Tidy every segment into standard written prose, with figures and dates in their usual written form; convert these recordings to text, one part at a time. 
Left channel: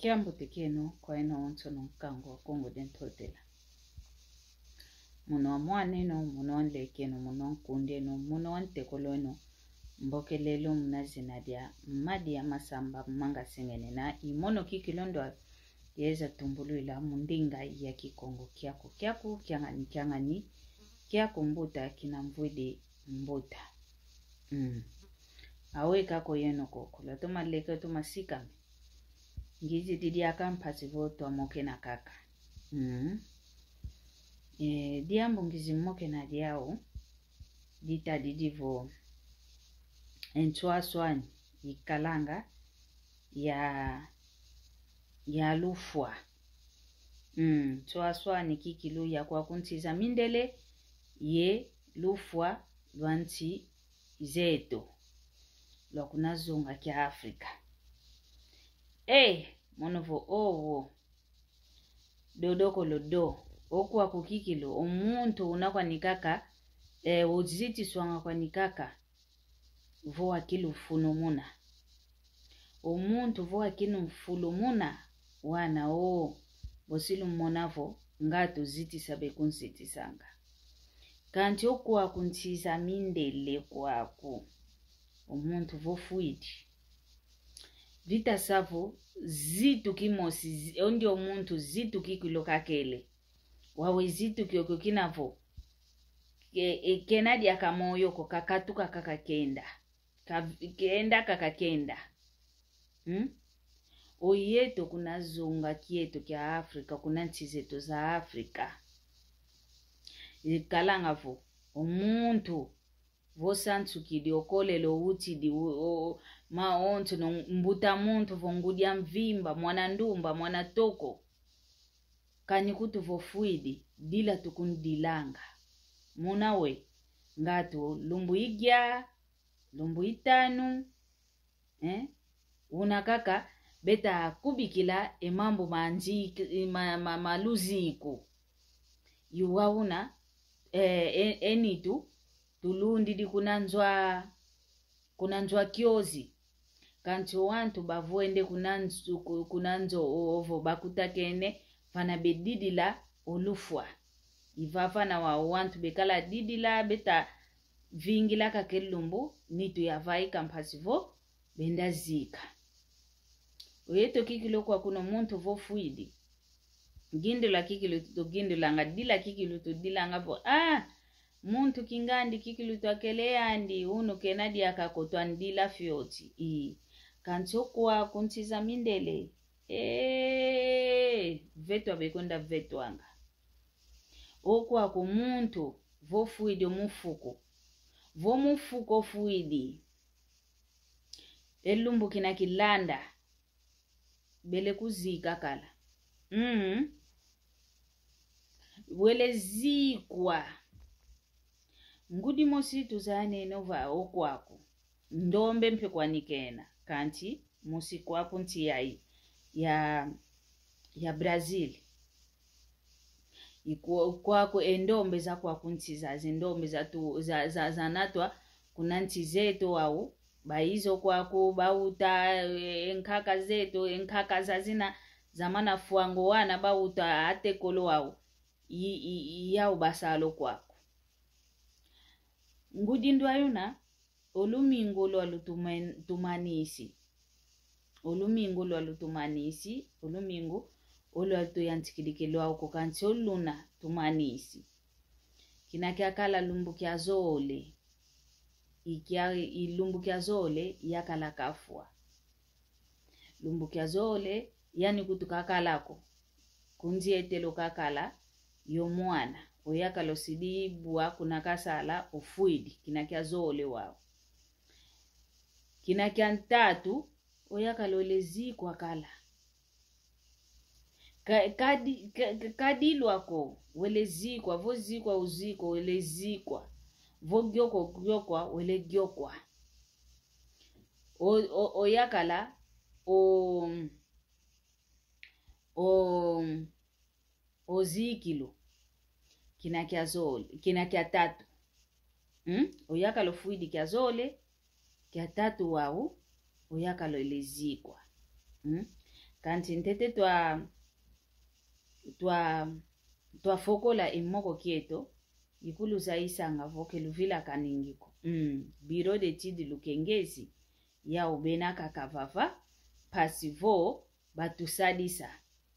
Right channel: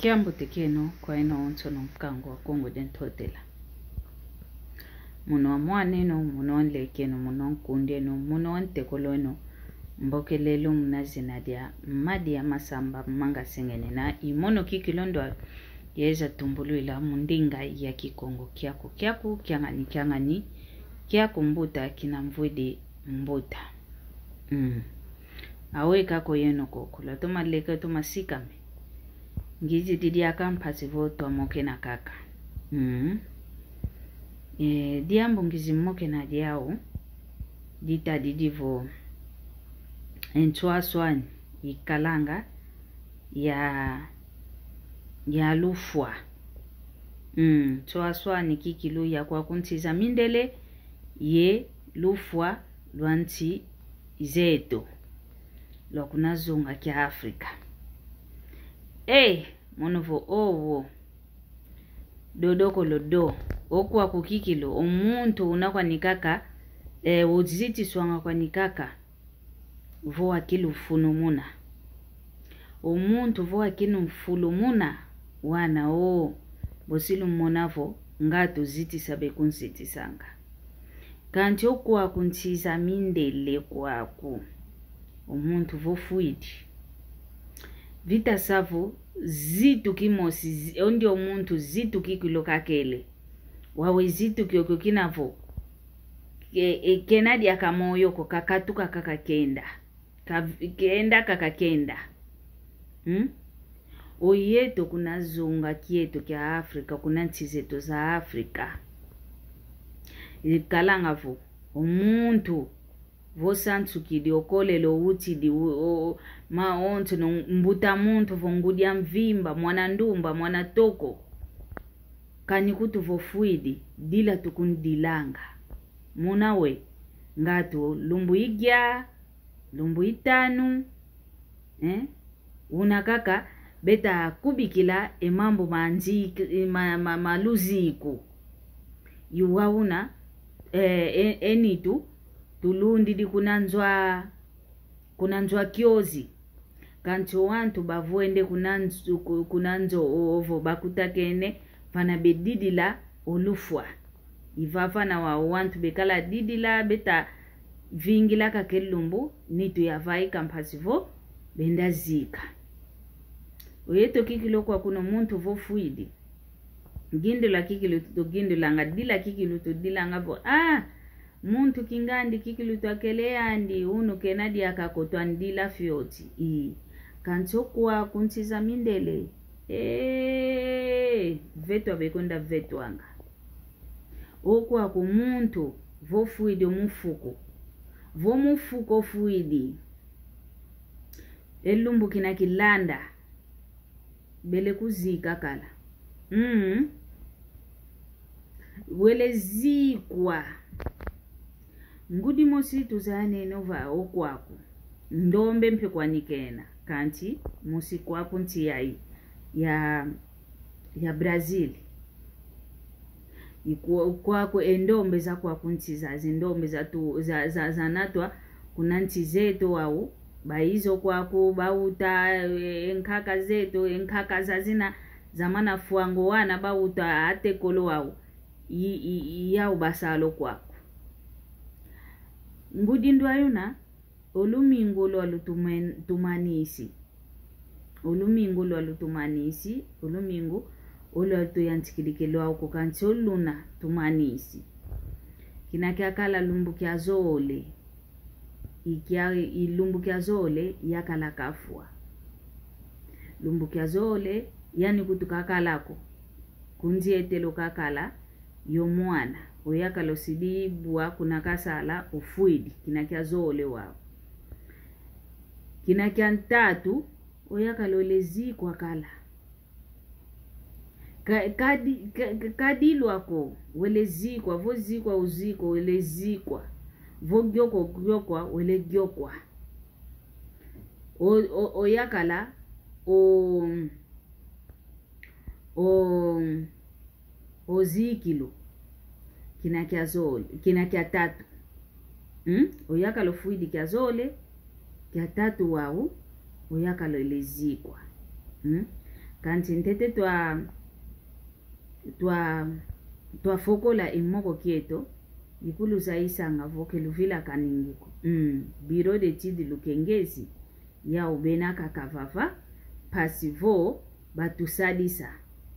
Kiambo tekeno kwa ino onso no mkango wa Kongo dentotela. Muno amwane no, muno anlekeno, muno ankunde no, muno antekolo no, mbokelelo mnazina dia madi ya masamba manga sengene na imono kikilondo yeza tumbulu ila mundinga ya kikongo kiangani kiako mbuta kina mvwede mbuta. Awe kako yeno kokula toma leke toma sikame ngizi didi akampasi voto moke na kaka. Diambo ngizi moke na diao dita didivo enchwaswani ikalanga ya lufwa. Chwaswani kikilu ya kwa kuntiza mindele ye lufwa lwanti zeto lokuna zunga kia Afrika. Monovo owo dodoko lodo okuwa kukikilo omuntu unakwa nikaka uziti swanga kwa nikaka voa kilu funumuna omuntu voa kinu fulumuna wana bosilu monavo ngato ziti sabe kunsiti sanga kanti okuwa kuntiza mindele kwaku omuntu vofuidi vita savo zitu kimosi ondi omuntu zitu kikilo kakele wawe zitu kyoko kinavo kenadi akamoyo ko kakatuka kakakenda kakakenda oyeto kuna zunga kieto kia Afrika kuna ntizeto za Afrika ikalanga vo omuntu vosantu kidi okolelo utidi maonto no mbuta muntu vongudia mvimba mwana ndumba mwana toko kanikutu vofuidi dila tukundilanga munawe ngato lumbu igya lumbu itanu unakaka beta kubikila emambo manji maluziku yuwauna enitu tulundi di kunanzwa kiozi kanto wantu bavuende kunanzo ovo bakutakene fana bedidila olufwa ivafana wa wantu bekala didila beta vingila kakelumbu nitu yavai kampasivo benda zika oyeto kikilo kwa kuno muntu vofuidi gindula kikilo to gindula ngadila kikilo to dilanga vo muntu kingandi kikilu twakele andi uno kenadi akakotwa ndila fyoti kanto kwa kuntiza mindele vetu abekonda vetu anga okwa ku muntu vofuidi mufuko fuidi elumbu kina kilanda bele kuzika kala wele zikwa ngudi mositu zane nova okwaku ndombe mpe kwa nikena kanti musiku wako nti ya Brazil kwako endombe za kwa kuntiza zindombe za natwa kuna nti zeto wao baizo kwako bauta enkaka zeto enkaka zazina zamana fuango wana bauta ate kolo wao yao basalo kwako ngudi ndo ayuna olumingo lo alutumanisi olumingo olo altuyantikilikelo ako kanti oluna tumanisi kinakiakala lumbu kia zole ilumbu kia zole yakala kafua lumbu kia zole yani kutukakalako kunzi etelo kakala yomwana oyakalo sidibwa kuna kasala ufuidi kinakia zole wao kinakia ntatu oyakalo lezi kwa kala kadilwako welezikwa vozikwa uziko welezikwa vogyokwa welegyokwa oyakala ozikilo kinakia zole kinakia tatu oyakalo fuidi kia zole kia tatu wao oyakalo elezikwa kanti ntete twa fokola imoko kieto ikulu saisanga voke luvila kaningiko Bureau d'études Lukengezi ya ubena kakavava pasivo batusadisa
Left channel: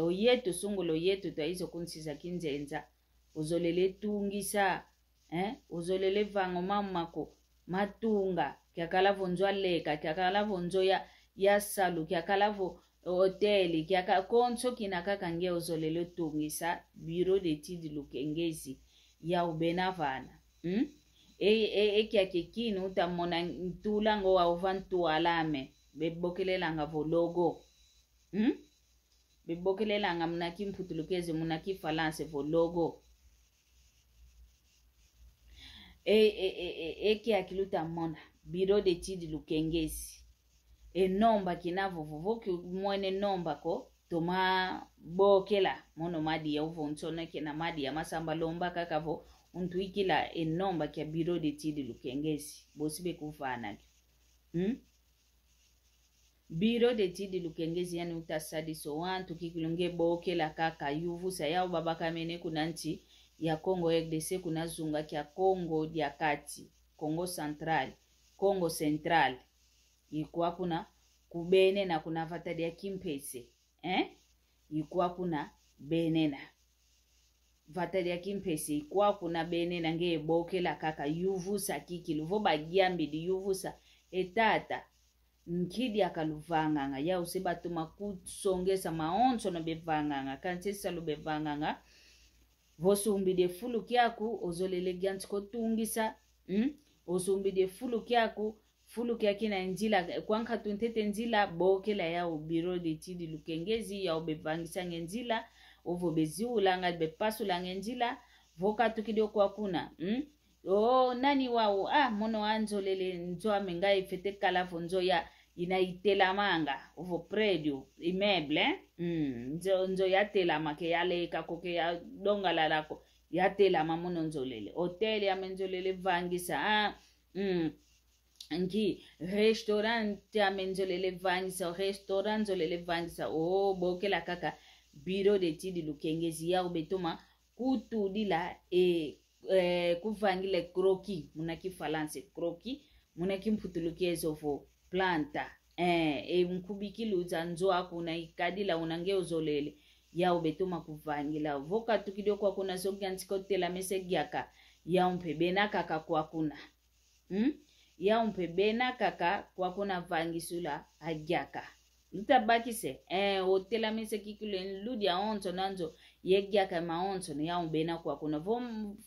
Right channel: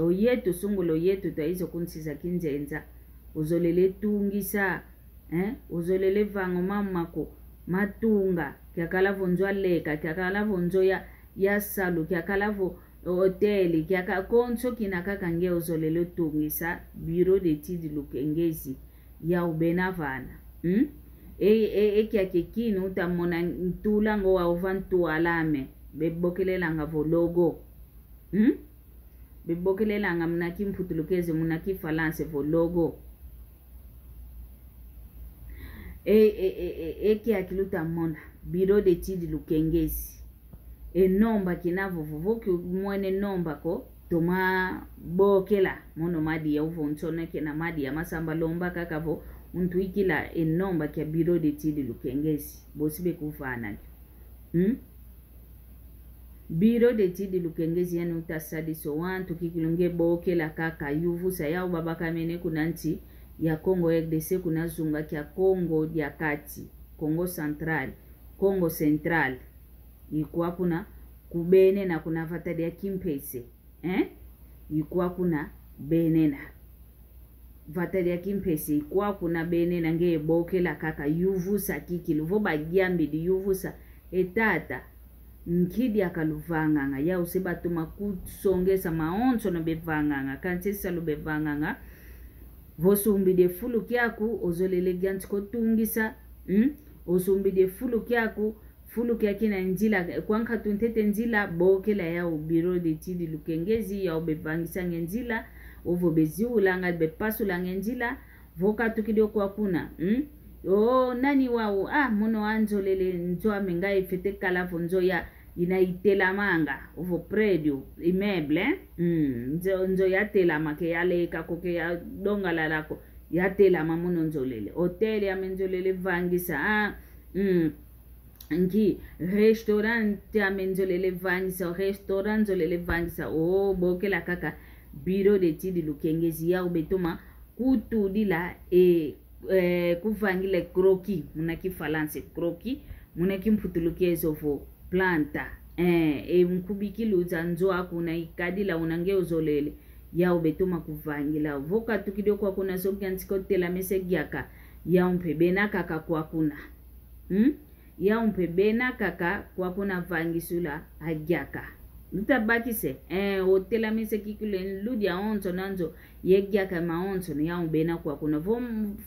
oyetu sungulo yetu taizo kunsiza kinzenza uzolele tungisa uzolele vango mamako matunga kyakala vonzwa leka kyakala vonzo ya salu kyakala vo hoteli kyaka konso kinakaka nge uzolele tungisa Bureau d'études Lukengezi ya ubena vana kyakekino utamona ntula ngo wa ovantu alame bebokelelanga vo logo bebokelelanga mnaki mputulukeze mnaki falance vo logo kyakiluta mona Bureau d'études Lukengezi nomba kinavo vovoki mwene nomba ko toma bokela mono madi ya uvonsona kena madi ya masamba lomba kakavo untu ikila nomba kya Bureau d'études Lukengezi bosibe kufana Bureau d'études Lukengezi yani utasadiso wantu kikilunge bokela kaka yuvusa yao babaka mene kunanti ya Congo RDC kuna zunga kya Congo dia kati Congo Central Congo Central ikuwa kuna kubene na kuna vatadi ya Kimpese ikuwa kuna benena vatadi ya Kimpese ikuwa kuna benena nge bokela kaka yuvusa kikiluvo bagiambi di yuvusa etata nkidi akaluvanganga ya usebatuma kusongesa maonso no bevanganga kansesa lo bevanganga vosumbi de fulu kyaku ozolele gyantiko tungisa osumbi de fulu kyaku fulu kyakina njila kwanka tuntete njila bokela ya Bureau d'études Lukengezi ya obevangisa njila ovo beziulanga bepasu njila voka tukidio kwa kuna nani wao mono anzolele nzo amenga ifete kala vonzo ya inaitela manga ovo predio immeuble nzo yatela make yale kakoke ya donga lalako yatela mamono nzolele hotel ya menzolele vangisa nki restaurant ya menzolele vangisa restaurant nzolele vangisa bokela kaka Bureau d'études Lukengezi ya ubetoma kutudila kuvangile kroki munaki falance kroki munaki mputulukezo vo planta mkubikili uzanzo akuna ikadila unange uzolele ya ubetoma kuvangila voka tukidio kwa kuna soki antikotela mesegiaka ya umpebena kaka kwa kuna ya umpebena kaka kwa kuna vangisula agiaka lutabakise hotela mesekikile ludi ya onzo nanzo yegiaka maonzo ya umbena kwa kuna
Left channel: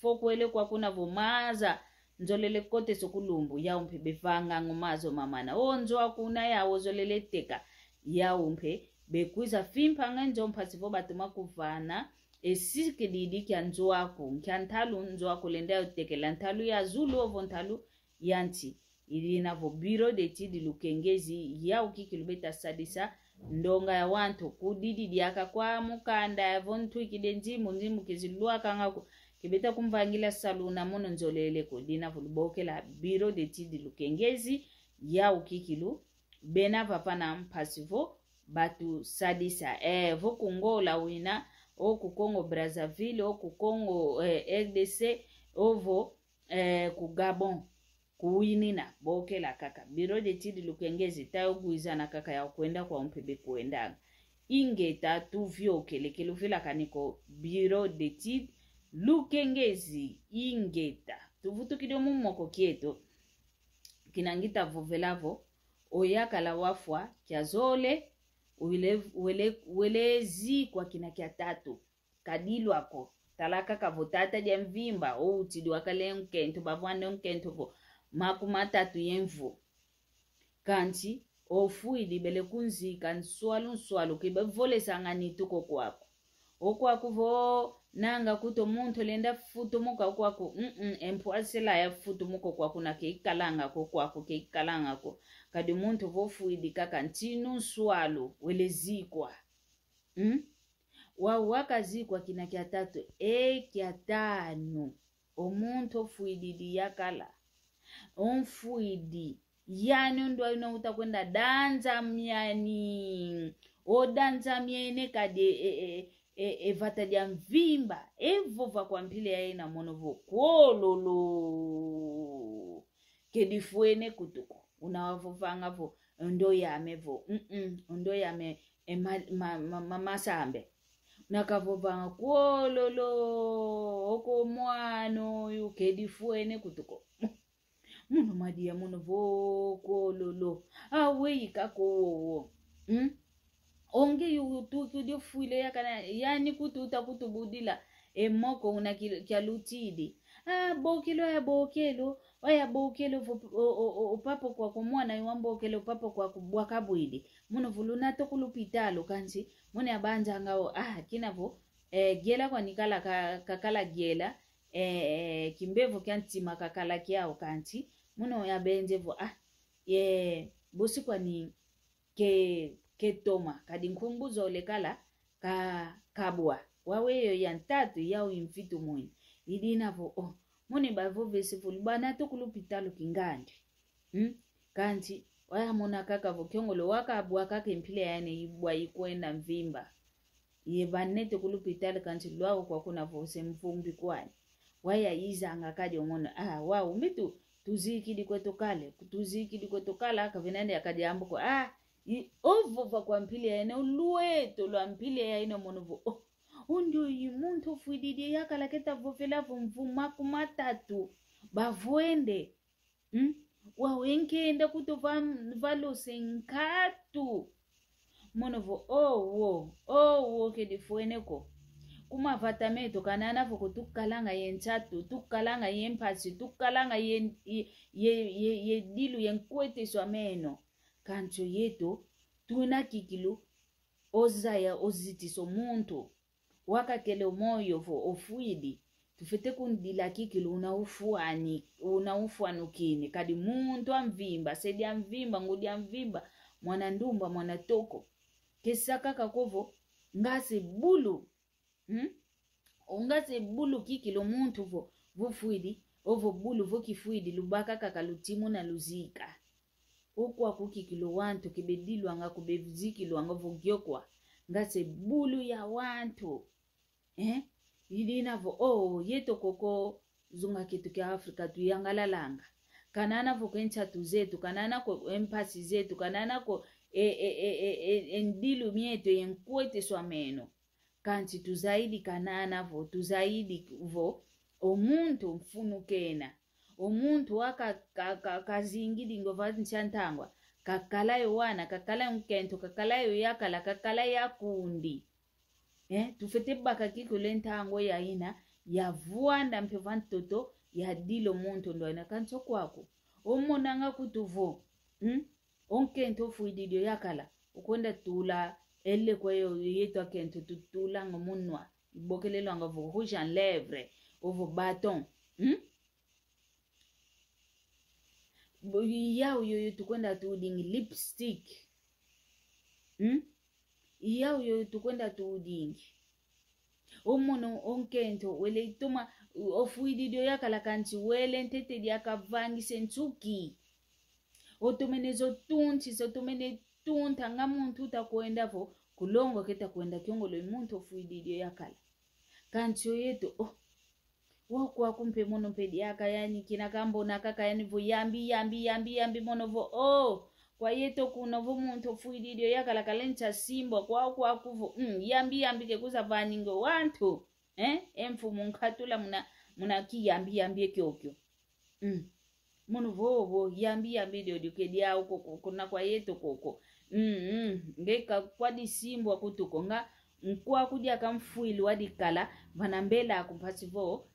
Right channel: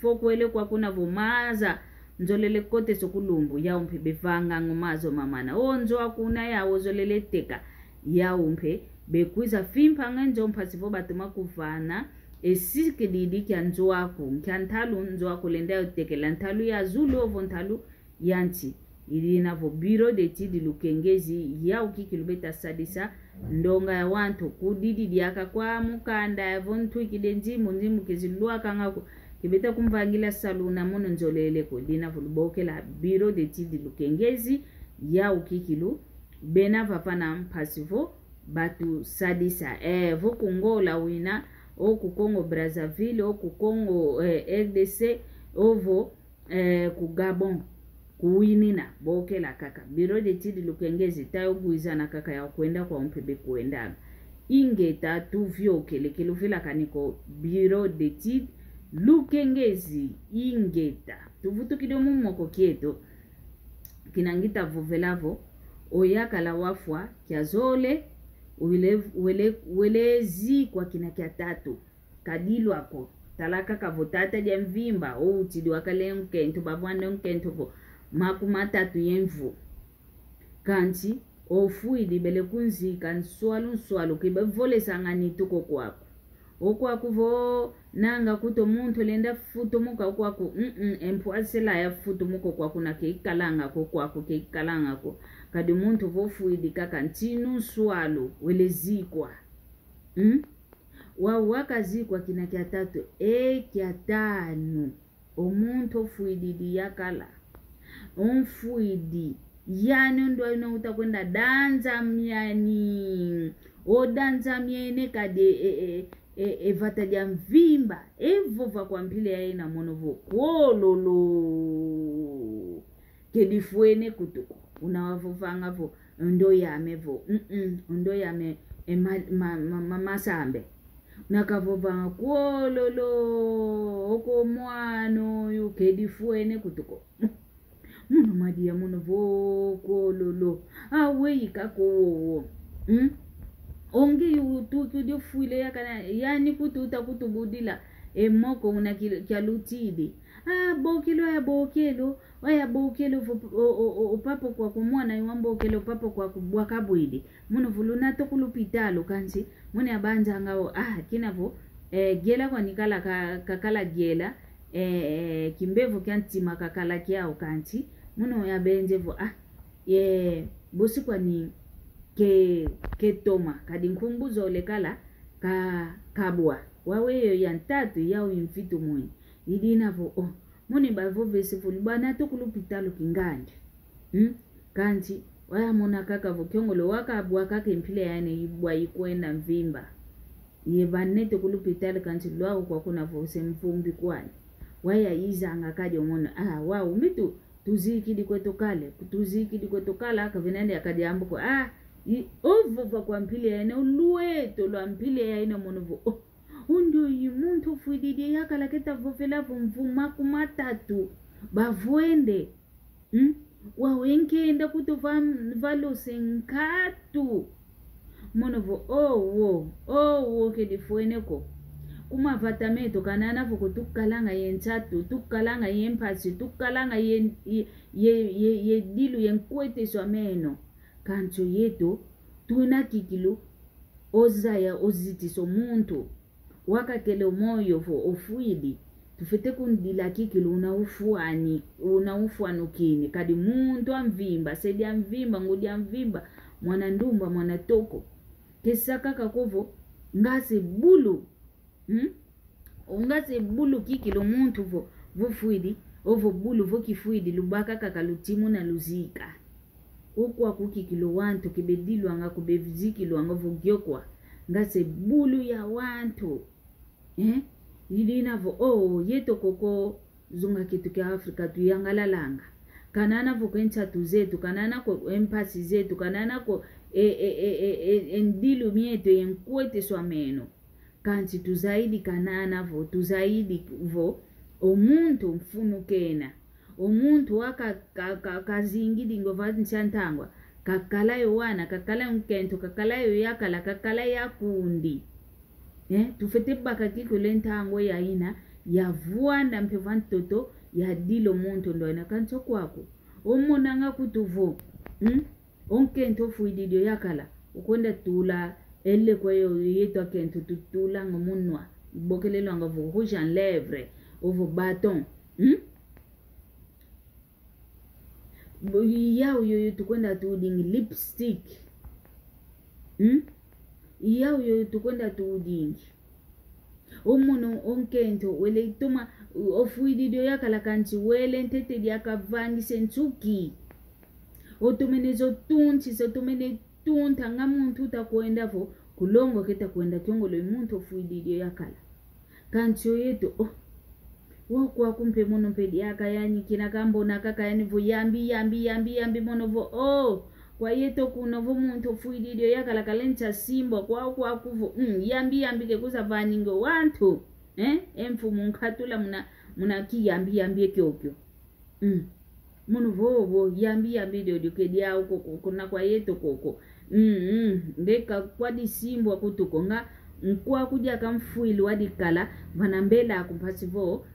fokwele kwa kuna vomaza nzolele kote sokulumbu ya umpe bevanga ngumazo mamana onzo akuna ya ozolele teka ya umpe bekuza fimpa ngenzo mpasivo batuma kuvana esike didi kya nzo aku nkyantalu nzo aku lenda utekela ntalu ya zulu ovo ntalu yanti ilina vo Bureau d'études Lukengezi ya ukikilubeta sadisa ndonga ya wantu kudidi diaka kwa mukanda ya vontu ikidenzimu nzimu kizilua kangako kibeta kumvangila saluna mono nzolele ko dina volubokela Bureau d'études Lukengezi ya ukikilu bena vapana mpasivo batu sadisa voku ngola wina oku Congo Brazzaville oku Congo RDC ovo ku Gabon kuwinina bokela kaka Bureau d'études Lukengezi tayoguizana kaka ya kwenda kwa mpebe kuendaga ingeta tuvyokele keluvila kaniko Bureau d'études Lukengezi ingeta tuvutu kido mumoko kieto kinangita vovelavo oyakala wafwa kyazole welezi kwa kina kya tatu kadilwako talaka kavotata dia mvimba utidi wakale nkento bavwane nkento vo makumatatu yenvu kanti ofuidi bele kunzika nswalu kibevole sangani tuko kwako okwaku vo nanga kuto muntu lenda futo muka kwako empwasela ya futo muko kwako na keikalanga ko kwako keikalanga ko kadi muntu vo fuidi kaka ntinu swalo welezikwa wakazikwa kina kya tatu kya tano omuntu fuidi yakala onfuidi yani ndo ino utakwenda danza myani odanza miene kade vata dia mvimba evo va kwa mpile ya ina monovo kololo kedifuene kutuko unawavovanga vo ndo ya mevo ndo ya me masambe nakavovanga kololo oko mwano yu kedifuene kutuko muno madia muno vo kololo awe ikako onge yu tu fuile yakana yani kututa kutubudila emoko una kyalutidi bokelo ya bokelo waya bokelo upapo kwa kumwana iwambokelo upapo kwa kubwakabwidi muno vuluna to kulupitalo kansi mune abanja ngao kinavo gela kwa nikala kakala gela kimbevo kyantima kakala kyao kansi muno ya benjevo ye bosi kwa ni ke toma kadi nkumbuzo lekala kabwa waweyo yantatu yao imfitu mwenye idinavo muni bavo vesifuli bana tukulupitalo kingandi kanti waya mona kaka vokyongolo wakabwa kake mpile yani ibwa ikwenda mvimba yebane tukulupitalo kanti lwako kwa kuna vose mfumbi kwani waya izanga kadi omona wao mitu tuzikidi kwetu kale akavinande akadi ambuko ovo kwa mpile yani ulueto lwa mpile yani monovo undio yimuntu fuididi yakala keta vofela vumvuma kumatatu bavuende wawenkenda kutuva valosenkatu monovo owo kedifueneko kuma vatameto kanana voko tukalanga yentatu tukalanga yempasi tukalanga ye dilu yenkwete swameno kancho yeto tuna kikilu ozaya ozitiso muntu wakakele moyo vo ofuidi tufite kundila kikilu unaufuanukini kadi muntu amvimba sedi amvimba ngudi amvimba mwana ndumba mwana toko kesaka kakovo ngase bulu kikilu muntu vo fuidi ovo bulu vo kifuidi lubaka kakalutimu na luzika ukwa kukikilo wantu kibedilu anga kubevizikilo anga vogyokwa ngase bulu ya wantu idinavo yeto koko zunga kitu kia Afrika tuyangalalanga kanana voko enchatu zetu kanana ko empasi zetu kanana ko endilu mieto yenkwete swameno kanti tuzaidi kanana vo tuzaidi vo omuntu mfunukena omuntu kazingidi ngova nchantangwa kakalayo wana kakalayo mkento kakalayo yakala kakalayo yakundi tufete baka kiko lentango ya ina ya vuanda mpevantoto ya dilo muntu ndo ina kancho kwako omonanga kutuvo onkento fuididio yakala ukonda tula elle kwayo yeto kento tutula ngomunwa bokelelo ngavo rouge en lèvres ovo bâton yao yoyo tukwenda tuudingi lipstick yao yoyo tukwenda tuudingi omono onkento wele itoma ofuididio yakala kanti wele ntete diakavangi sentuki otomenezo tunti sotomene tunta ngamuntu takwenda vo kulongo keta kwenda kyongolo muntu ofuididio yakala kanti yeto wakwa kumpe mono pedi yaka yani kina kambona kaka yani vo yambi mono vo kwa yeto kuna vo muntu fuididio yakala kalenta simbo kwa kuvo yambi ke kuza vaningo wantu emfumu nkatula muna ki yambi kyokyo mono vo yambi dio kedi ya uko kuna kwa yeto koko ngeka kwa disimbo kutuko nga nkwa kudia kamfuili wadikala vanambela akumpasi vo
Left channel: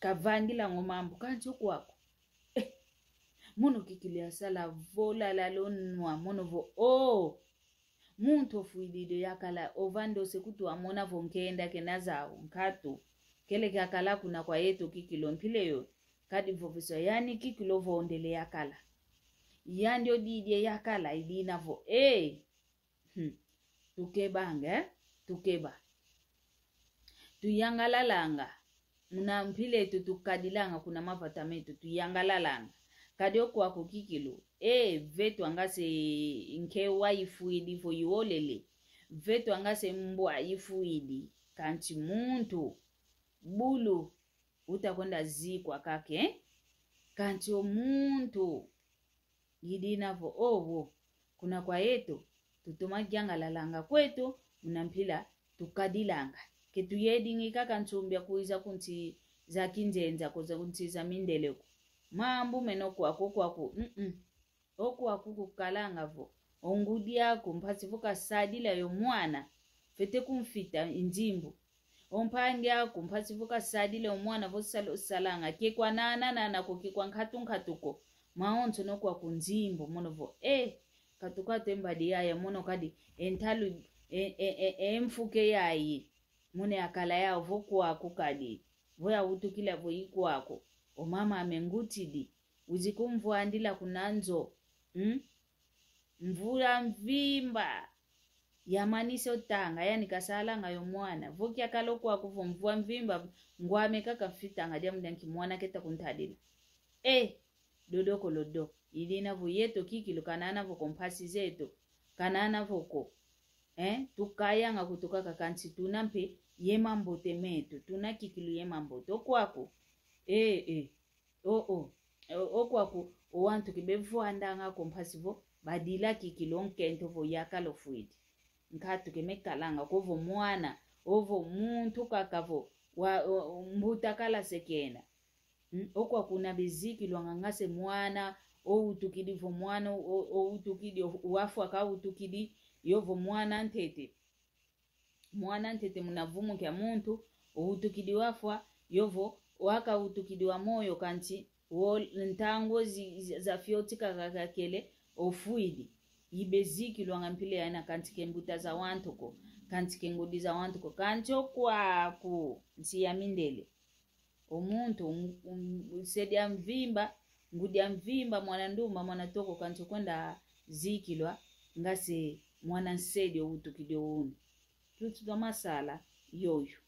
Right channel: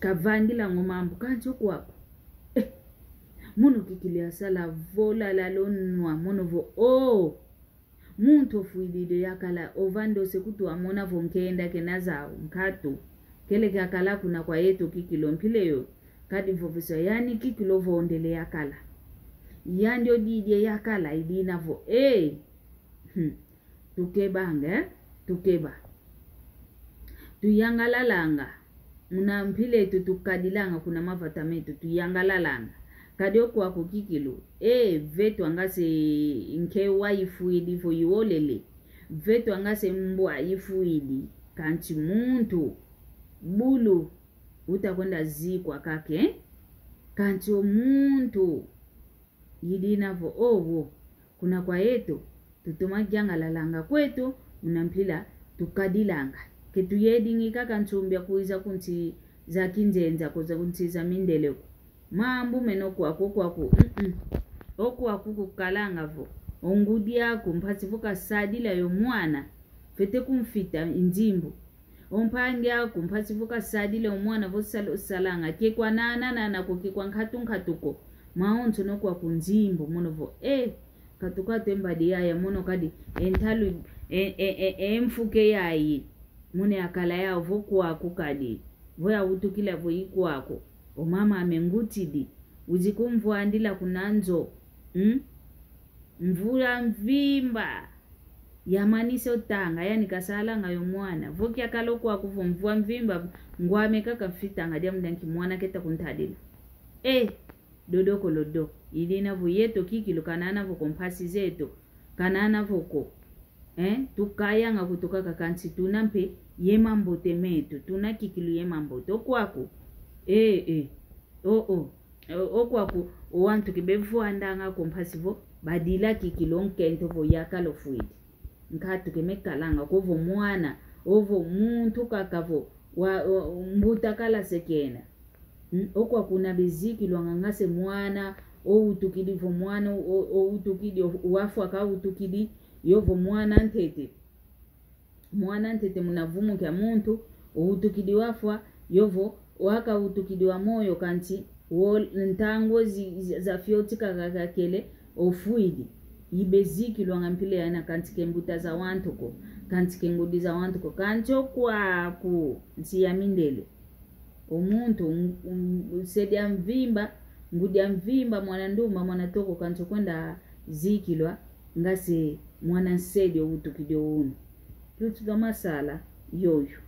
kavangila ngomambu kancho kwako muno kikilia sala vola lalonwa mono vo muntu fuididio yakala ovando sekutu amona vonkenda kenazao nkatu kele kakala kuna kwa yetu kikilo mpileyo kadi vovisa yani kikilo vondele yakala yandio didie yakala idina vo tukeba tuyangalalanga muna mpile tukadilanga kuna mavatametu tuyangalalanga kado kwa kukikilu vetu angase nke waifuidi fo yiolele vetu angase mbwa ifuidi kanti muntu bulu utakwenda zikwa kake kanti muntu yidinavo owo kuna kwa yetu tutumajanga lalanga kwetu unampila tukadilanga ketu yedingika kantumbia kuiza kunti za kinzenza koza kunti za mindeleko mambu meno kwaku okwaku kukalanga vo ongudi yako mpasivuka sadila yo mwana fete kumfita injimbo ompange yako mpasivuka sadila yo mwana vo salanga kekwa nana kokekwa nkatuko maonto no kwa kunjimbo mono vo katuka tembadi ya mono kadi entalu mfuke yayi mune akala ya vo kwaku kadi voya utukila vo ikwako o mama amengutidi uzikumvua andila kunanzo mvura mvimba yamanise otanga yani kasalanga yo mwana voki akaloko akuvo mvua mvimba ngwame kaka fitanga dia mdanki mwana keta kuntadila dodoko lodo ilina vo yeto kikilu kanana vo kompasi zeto kanana voko tukayanga kutoka kakansi tunampe yemambote meto tunakikilu yemambote okwako okwaku owantu kibevu andanga kompasivo badila kikilonke vo yakalo fuidi nkatu kemekalanga kovo mwana ovo muntu kakavo mbuta kala sekena okwaku na beziki lwangangase mwana outukidi vo mwana outukidi wafu akautukidi yovo mwana ntete munavumu kya muntu outukidi wafwa yovo waka utukidi wa moyo kanti ntango za fiotika kakakele ofuidi ibeziki lwangampile yana kanti kembuta za wantuko kanti kengudi za wantuko kancho kwaku nsi ya mindele omuntu sedia mvimba ngudia mvimba mwana nduma mwana toko kancho kwenda zikilwa ngase mwana nsedi utukidi unu tutuka masala yoyo